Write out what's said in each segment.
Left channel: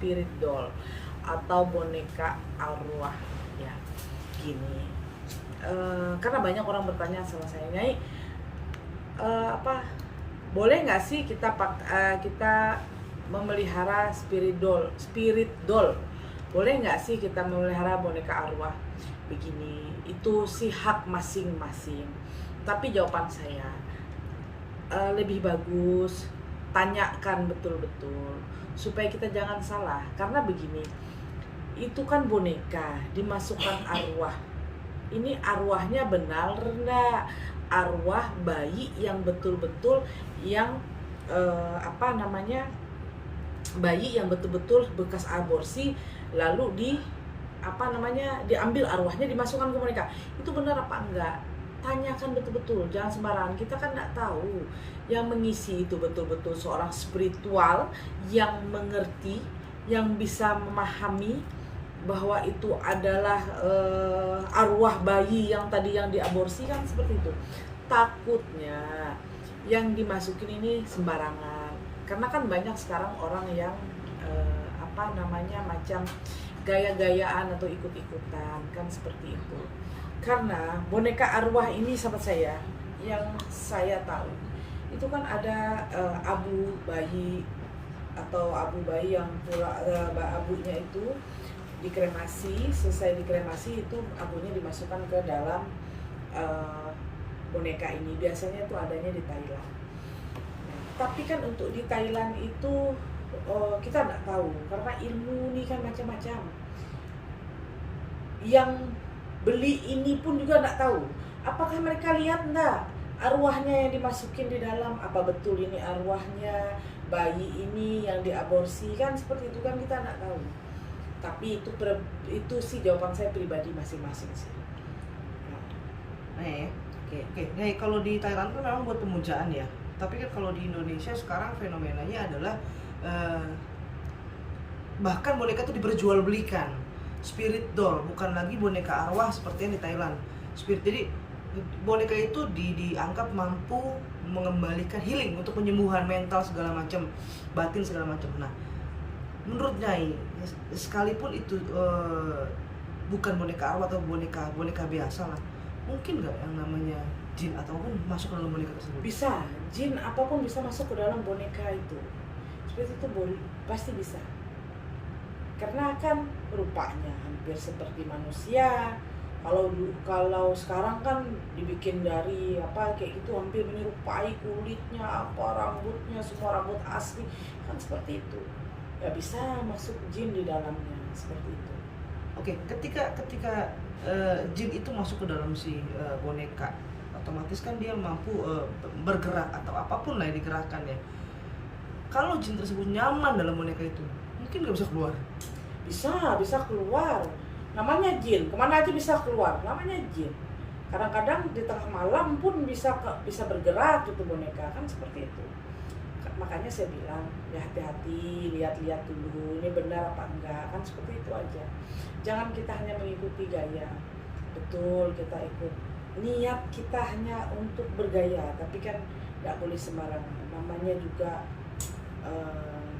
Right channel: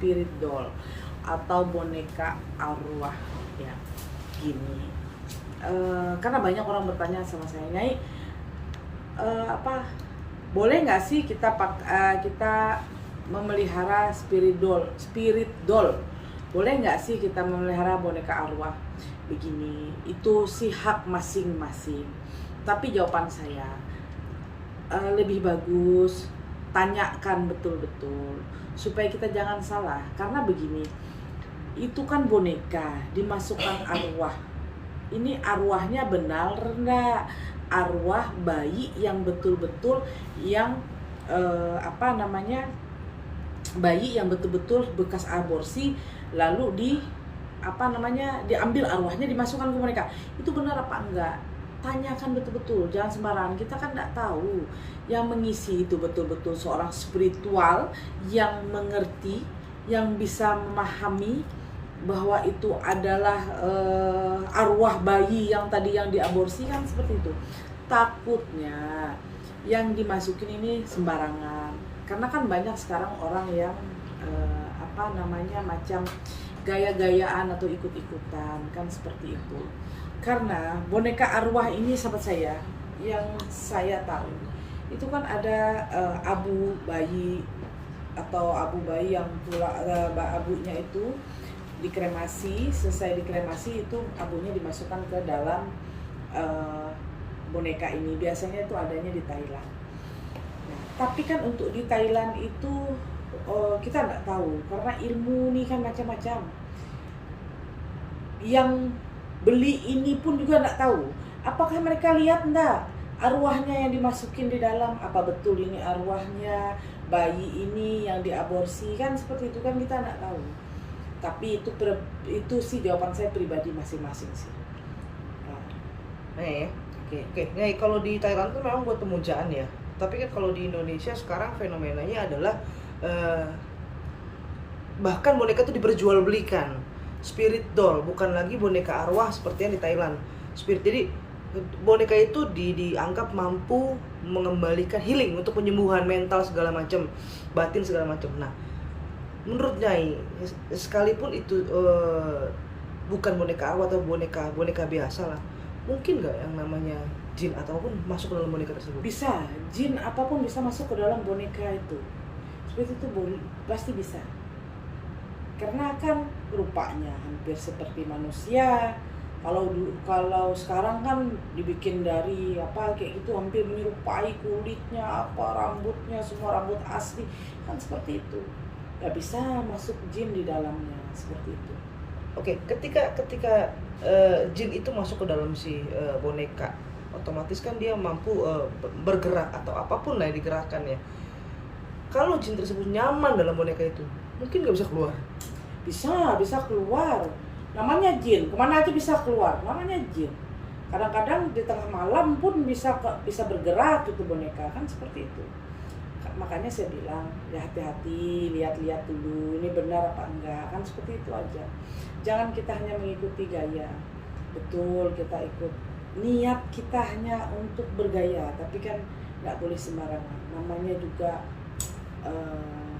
spirit doll atau boneka arwah ya. Gini, karena banyak orang bertanya sama saya, Nyai, boleh nggak sih kita memelihara spirit doll? Boleh nggak sih kita memelihara boneka arwah? Begini, itu sih hak masing-masing. Tapi jawaban saya, lebih bagus tanyakan betul-betul supaya kita jangan salah. Karena begini, itu kan boneka dimasukkan arwah. Ini arwahnya benar enggak? Arwah bayi yang betul-betul yang bayi yang betul-betul bekas aborsi, lalu diambil arwahnya dimasukkan ke boneka. Itu benar apa enggak? Tanyakan betul-betul, jangan sembarangan. Kita kan enggak tahu yang mengisi itu betul-betul seorang spiritual yang mengerti, yang bisa memahami bahwa itu adalah arwah bayi yang tadi yang diaborsi, kan seperti itu. Takutnya yang dimasukin ini sembarangan, karena kan banyak sekarang orang yang macam gaya-gayaan atau ikut-ikutan, kan seperti itu. Karena boneka arwah ini, sahabat saya, yang saya tahu itu kan ada abu bayi atau abu bayi yang abunya itu dikremasi. Selesai dikremasi itu abunya dimasukkan ke dalam boneka ini. Biasanya itu adanya di Thailand. Nah, tapi kan untuk di Thailand itu kita nggak tahu, karena ilmu ini kan macam-macam. Yang beli ini pun juga nggak tahu apakah mereka lihat enggak arwahnya yang dimasukin di dalam, apa betul ini arwahnya bayi ini yang diaborsi, kan seperti itu kan kita nggak tahu. Tapi itu sih jawaban saya pribadi masing-masing sih. Nah ya, oke. Nah, kalau di Thailand kan memang buat pemujaan ya. Tapi kan kalau di Indonesia sekarang fenomenanya adalah bahkan boneka itu diperjualbelikan. Spirit doll, bukan lagi boneka arwah seperti yang di Thailand. Jadi boneka itu dianggap mampu mengembalikan healing untuk penyembuhan mental segala macam, batin segala macam. Nah, menurut Nyai, sekalipun itu bukan boneka arwah atau boneka biasa lah, mungkin nggak yang namanya jin ataupun masuk ke dalam boneka tersebut? Bisa, jin apapun bisa masuk ke dalam boneka itu. Seperti itu pasti bisa. Karena kan rupanya hampir seperti manusia. Kalau sekarang kan dibikin dari kayak gitu, hampir menyerupai kulitnya, rambutnya, semua rambut asli, kan seperti itu. Ya bisa masuk jin di dalamnya, seperti itu. Oke, ketika jin itu masuk ke dalam si boneka, otomatis kan dia mampu bergerak atau apapun lah yang digerakkan ya. Kalau jin tersebut nyaman dalam boneka itu, mungkin nggak bisa keluar? Bisa keluar. Namanya jin, kemana aja bisa keluar. Namanya jin. Kadang-kadang di tengah malam pun bisa bergerak gitu boneka, kan seperti itu. Makanya saya bilang ya hati-hati, lihat-lihat dulu ini benar apa enggak, kan seperti itu aja. Jangan kita hanya mengikuti gaya. Betul, kita ikut niat kita hanya untuk bergaya, tapi kan nggak boleh sembarangan. Namanya juga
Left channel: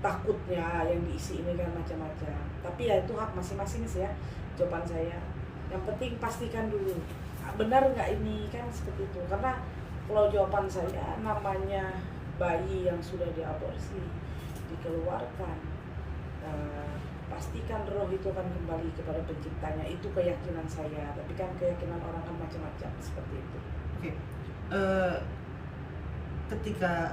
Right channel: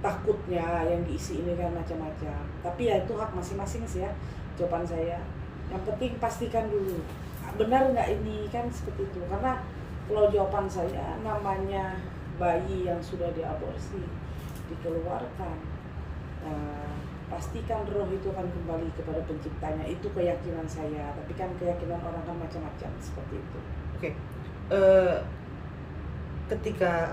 takutnya yang diisi ini kan macam-macam. Tapi ya itu hak masing-masing sih ya, jawaban saya. Yang penting pastikan dulu benar nggak ini, kan seperti itu. Karena kalau jawaban saya, namanya bayi yang sudah diaborsi dikeluarkan, pastikan roh itu akan kembali kepada penciptanya. Itu keyakinan saya. Tapi kan keyakinan orang kan macam-macam, seperti itu. Oke. Ketika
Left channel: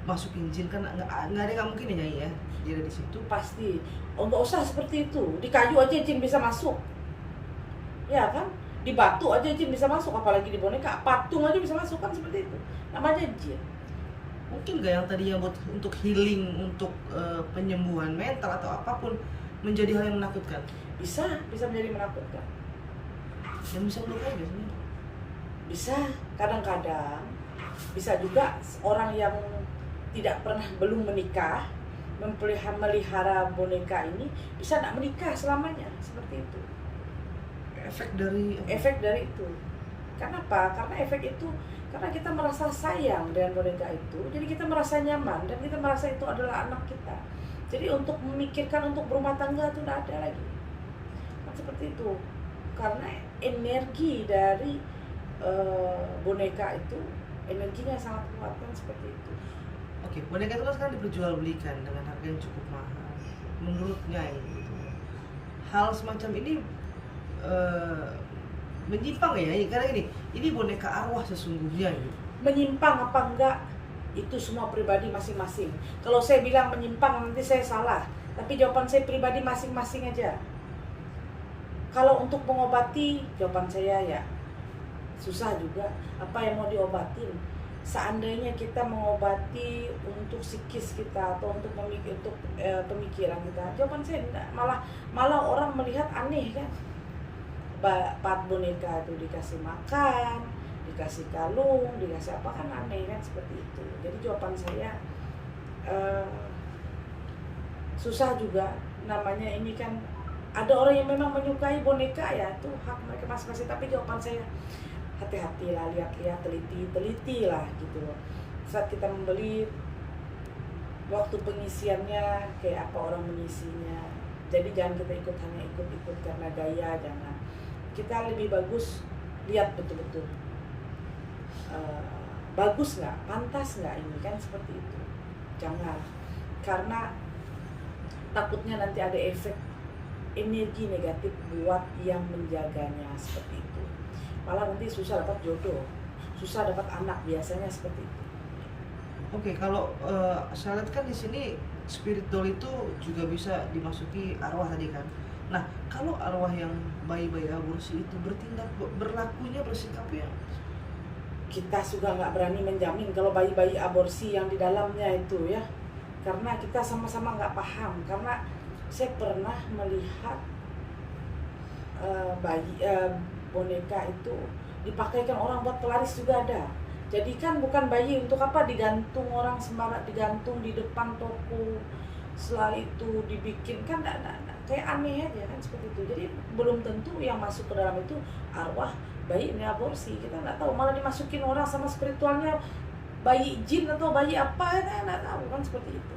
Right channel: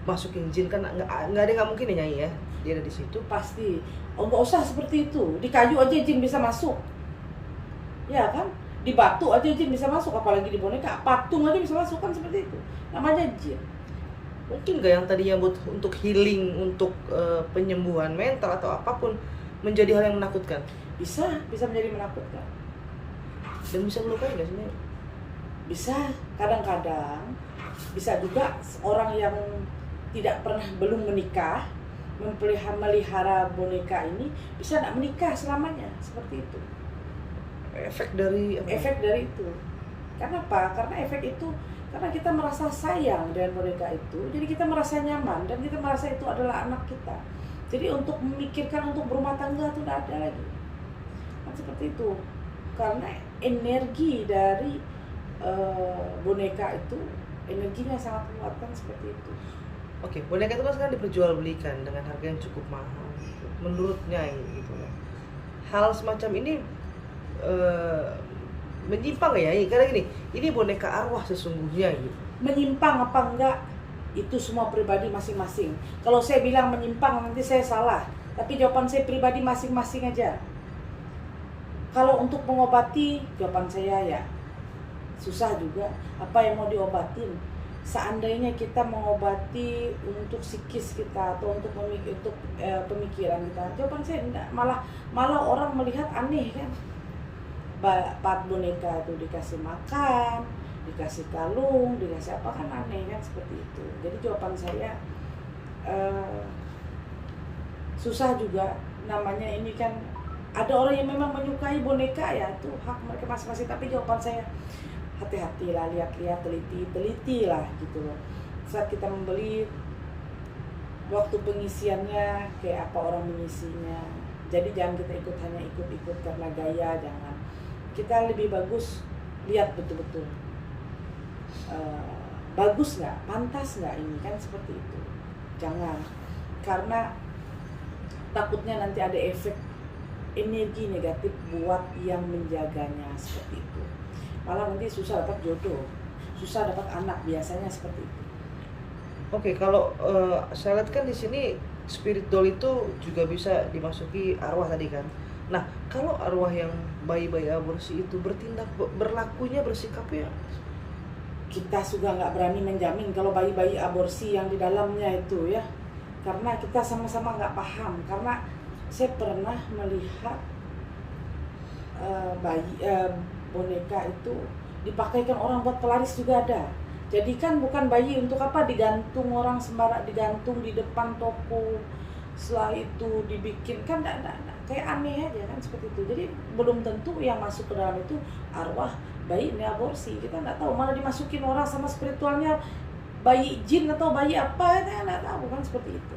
masukin jin kan nggak ada, nggak mungkin ya Nyai ya dia ada di situ. Pasti nggak usah seperti itu. Di kayu aja jin bisa masuk, ya kan? Di batu aja jin bisa masuk, apalagi di boneka. Patung aja bisa masuk, kan seperti itu. Namanya jin. Mungkin nggak yang tadinya untuk healing, untuk penyembuhan mental atau apapun, menjadi hal yang menakutkan? Bisa menjadi menakutkan. Dan bisa melukai nggak sih? Bisa, kadang-kadang bisa juga orang yang belum menikah melihara boneka ini bisa tidak menikah selamanya, seperti itu. Efek dari itu. Kenapa? Karena efek itu, karena kita merasa sayang dengan boneka itu, jadi kita merasa nyaman dan kita merasa itu adalah anak kita. Jadi untuk memikirkan untuk berumah tangga itu tidak ada lagi. Kan seperti itu. Karena energi dari boneka itu energinya sangat kuat kan seperti itu. Oke, boneka itu kan sekarang diperjualbelikan dengan harga yang cukup mahal. Menurut Nyai gitu. Hal semacam ini menyimpang ya? Karena gini, ini boneka arwah sesungguhnya gitu. Menyimpang apa enggak itu semua pribadi masing-masing. Kalau saya bilang menyimpang nanti saya salah, tapi jawaban saya pribadi masing-masing aja. Kalau untuk mengobati, jawaban saya ya susah juga. Apa yang mau diobatin? Seandainya kita mengobati untuk psikis kita atau untuk pemikiran kita, jawaban saya enggak. Malah orang melihat aneh kan. Part boneka itu dikasih makan, dikasih kalung, dikasih apa kan aneh kan seperti itu. Jadi jawaban saya susah juga. Namanya ini kan ada orang yang memang menyukai boneka ya, itu hak mereka masing-masing. Tapi jawaban saya hati-hatilah, lihat-lihat, teliti lah gitu loh. Saat kita membeli, waktu pengisiannya kayak apa orang mengisinya. Jadi jangan kita hanya ikut karena gaya, jangan. Kita lebih bagus lihat betul-betul bagus nggak, pantas nggak ini kan seperti itu. Jangan, karena takutnya nanti ada efek energi negatif buat yang menjaganya seperti itu. Malah nanti susah dapat jodoh, susah dapat anak biasanya seperti itu. Oke, kalau saya lihat kan di sini spirit doll itu juga bisa dimasuki arwah tadi kan. Nah, kalau arwah yang bayi-bayi aborsi itu berlakunya, bersikapnya, kita juga nggak berani menjamin kalau bayi-bayi aborsi yang di dalamnya itu ya, karena kita sama-sama nggak paham. Karena saya pernah melihat boneka itu dipakaikan orang buat pelaris juga ada. Jadi kan bukan bayi untuk apa digantung orang sembarang, digantung di depan toko, setelah itu dibikin kan kayak aneh aja kan seperti itu. Jadi belum tentu yang masuk ke dalam itu arwah bayi ini aborsi, kita nggak tahu. Malah dimasukin orang sama spiritualnya bayi jin atau bayi apa, kita nggak tahu kan seperti itu.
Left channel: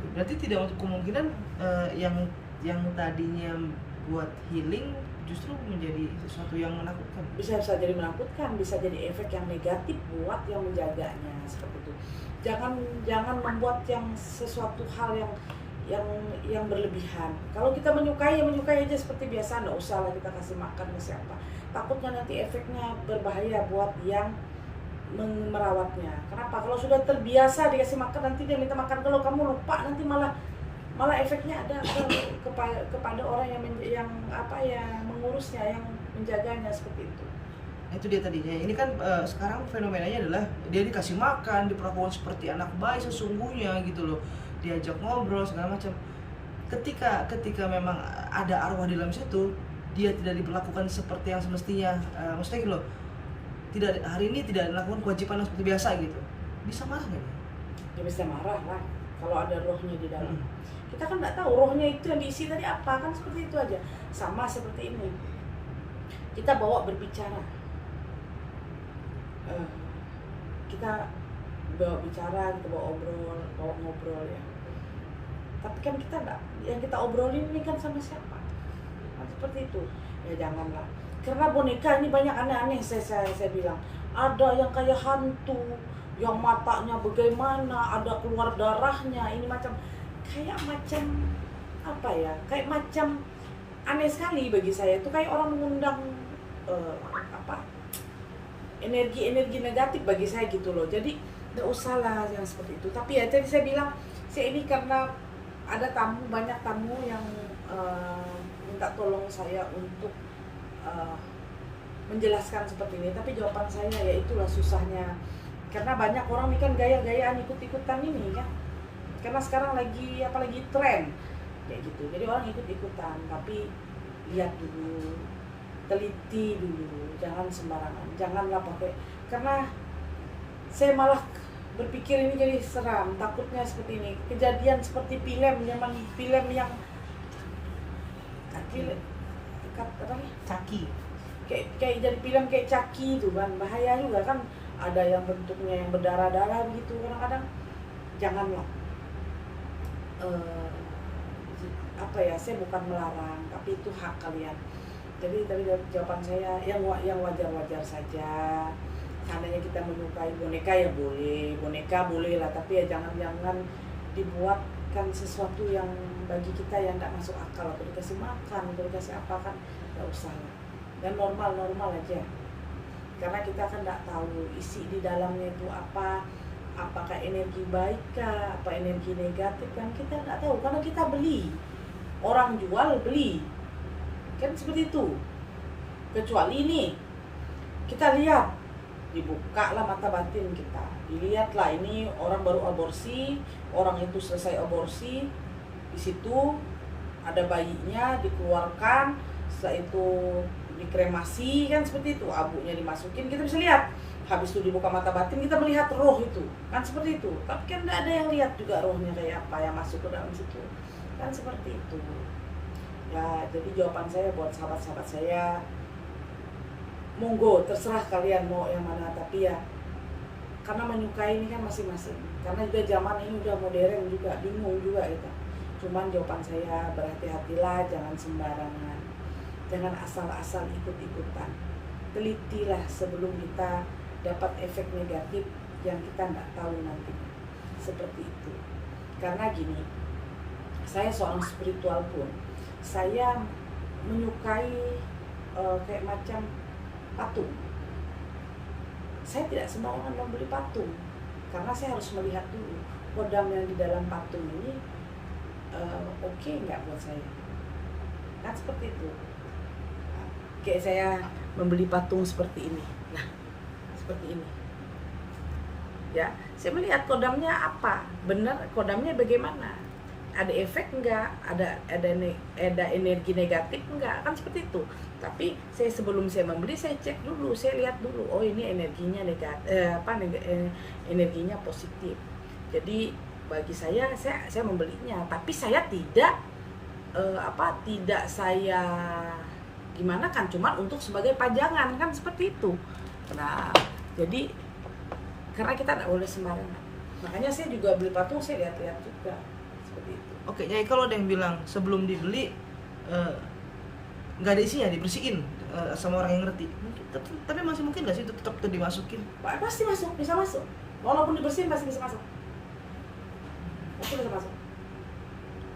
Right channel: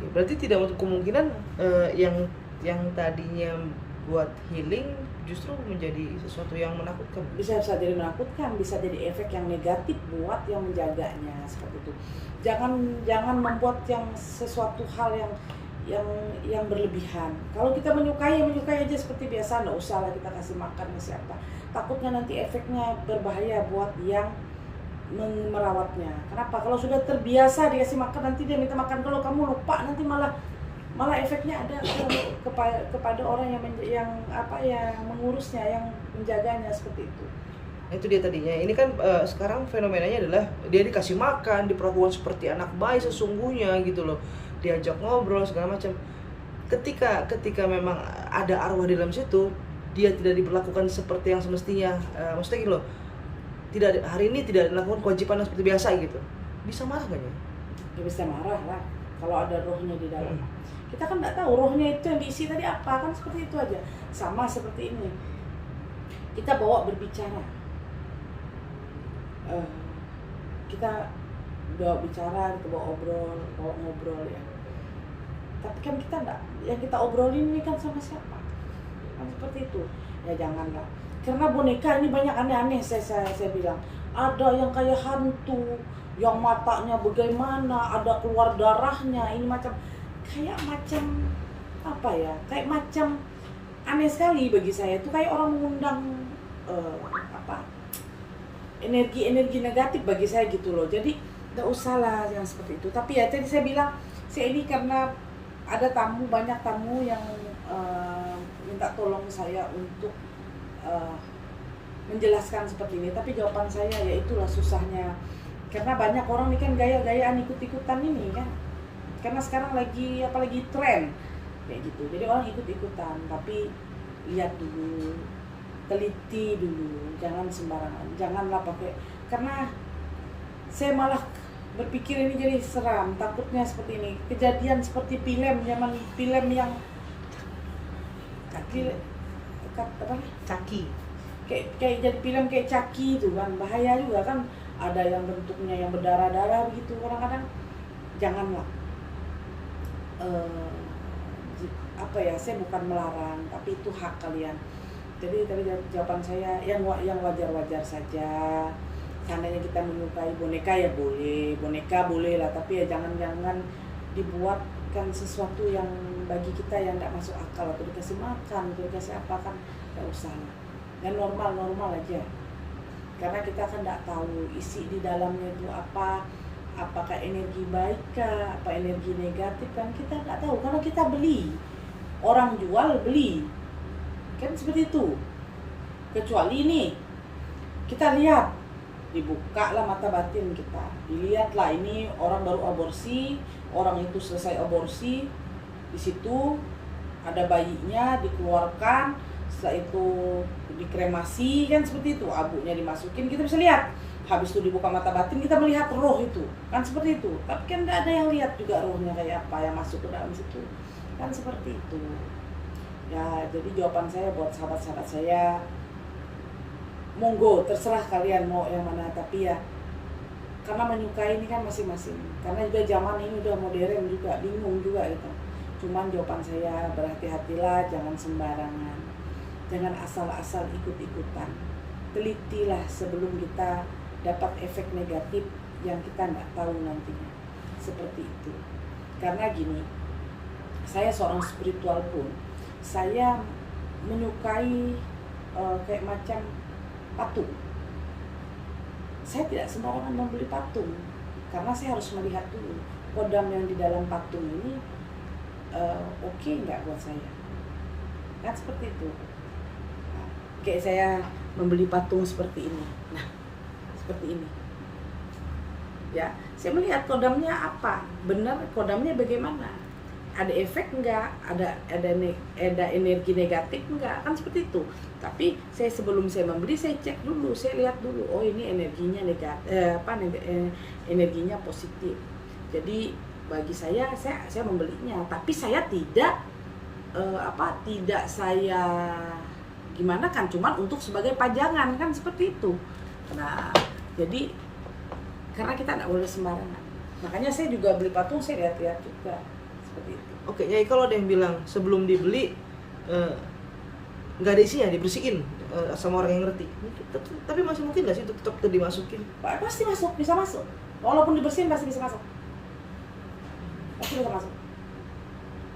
oke, berarti tidak untuk kemungkinan yang tadinya buat healing justru menjadi sesuatu yang menakutkan. Bisa jadi menakutkan, bisa jadi efek yang negatif buat yang menjaganya seperti itu. Jangan membuat yang sesuatu hal yang berlebihan. Kalau kita menyukai aja seperti biasa, nggak usah lah kita kasih makan ke siapa. Takutnya nanti efeknya berbahaya buat yang merawatnya. Kenapa? Kalau sudah terbiasa dikasih makan, nanti dia minta makan. Kalau kamu lupa, nanti malah efeknya ada kepada orang yang mengurusnya, yang menjaganya seperti itu. Itu dia tadinya. Ini kan sekarang fenomenanya adalah dia dikasih makan, diperlakukan seperti anak bayi sesungguhnya gitu loh. Diajak ngobrol segala macam. Ketika memang ada arwah di dalam situ, dia tidak diperlakukan seperti yang semestinya. Maksudnya gitu loh. Hari ini tidak dilakukan kewajiban yang seperti biasa gitu. Bisa marah nggak ya? Ya bisa marah lah kalau ada rohnya di dalam. Kita kan nggak tahu rohnya itu yang diisi tadi apa, kan seperti itu aja. Sama seperti ini, kita bawa berbicara, kita bawa bicara, kita bawa ngobrol ya. Tapi kan kita nggak, yang kita obrolin ini kan sama siapa, kan seperti itu. Ya janganlah, karena boneka ini banyak aneh-aneh. Saya bilang ada yang kayak hantu, yang matanya bagaimana, ada keluar darahnya, ini macam apa ya, kayak macam aneh sekali bagi saya. Itu kayak orang mengundang energi negatif bagi saya gitu loh. Jadi nggak usah lah yang seperti itu. Tapi ya tadi saya bilang, saya ini karena ada banyak tamu yang minta tolong saya untuk menjelaskan seperti ini. Tapi jawaban saya ya itulah susahnya, karena banyak orang ini kan gaya-gayaan ikut-ikutan ini kan. Karena sekarang apalagi tren kayak gitu. Jadi orang ikut-ikutan, tapi lihat dulu, teliti dulu, jangan sembarangan. Janganlah pakai, karena saya malah berpikir ini jadi seram, takutnya seperti ini. Kejadian seperti film yang Caki. Kayak jadi film kayak Caki itu kan, bahaya juga kan. Ada yang bentuknya yang berdarah-darah begitu kadang-kadang. Janganlah. eh, apa ya, saya bukan melarang, tapi itu hak kalian. Jadi tadi jawaban saya yang wajar-wajar saja. Seandainya kita menyukai boneka ya boleh, boneka boleh lah, tapi ya jangan dibuatkan sesuatu yang bagi kita yang tidak masuk akal, atau dikasih makan, atau dikasih apa, kan nggak usah lah. Dan normal aja, karena kita kan tidak tahu isi di dalamnya itu apa, apakah energi baik kah, apa energi negatif, kan kita nggak tahu, karena kita beli, orang jual beli, kan seperti itu. Kecuali nih kita lihat, dibuka lah mata batin kita, dilihatlah ini orang baru aborsi, orang itu selesai aborsi, di situ ada bayinya dikeluarkan, setelah itu dikremasi, kan seperti itu, abunya dimasukin, kita bisa lihat. Habis itu dibuka mata batin, kita melihat roh itu, kan seperti itu. Tapi kan tidak ada yang lihat juga rohnya kayak apa yang masuk ke dalam situ, kan seperti itu. Ya, jadi jawaban saya buat sahabat-sahabat saya, monggo terserah kalian mau yang mana, tapi ya karena menyukai ini kan masing-masing, karena juga zaman ini udah modern juga, bingung juga itu. Cuman jawaban saya, berhati-hatilah, jangan sembarangan, jangan asal-asal ikut-ikutan, telitilah sebelum kita dapat efek negatif yang kita tidak tahu nantinya, seperti itu. Karena gini, saya seorang spiritual pun, saya menyukai kayak macam patung. Saya tidak sembarangan membeli patung, karena saya harus melihat dulu kodam yang di dalam patung ini oke nggak buat saya, kan seperti itu. Kayak saya membeli patung seperti ini, nah seperti ini ya, saya melihat kodamnya apa, benar kodamnya bagaimana, ada efek enggak, ada energi negatif enggak, kan seperti itu. Tapi saya sebelum saya membeli, saya cek dulu, saya lihat dulu, oh ini energinya energinya positif. Jadi bagi saya membelinya, tapi saya tidak tidak saya gimana kan, cuman untuk sebagai pajangan, kan seperti itu. Nah, jadi karena kita nggak boleh sembarangan, makanya saya juga beli patung, saya lihat-lihat juga seperti itu. Oke, Nyai, kalau ada yang bilang sebelum dibeli nggak ada isinya, dibersihin sama orang yang ngerti, tapi masih mungkin nggak sih tetap dimasukin? Pasti masuk, bisa masuk. Walaupun dibersihin pasti bisa masuk. Pasti bisa masuk.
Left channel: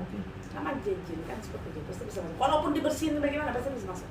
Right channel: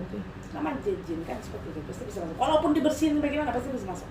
Oke. Nama jin kan seperti itu, pasti bisa masuk. Walaupun dibersihin bagaimana, pasti bisa masuk.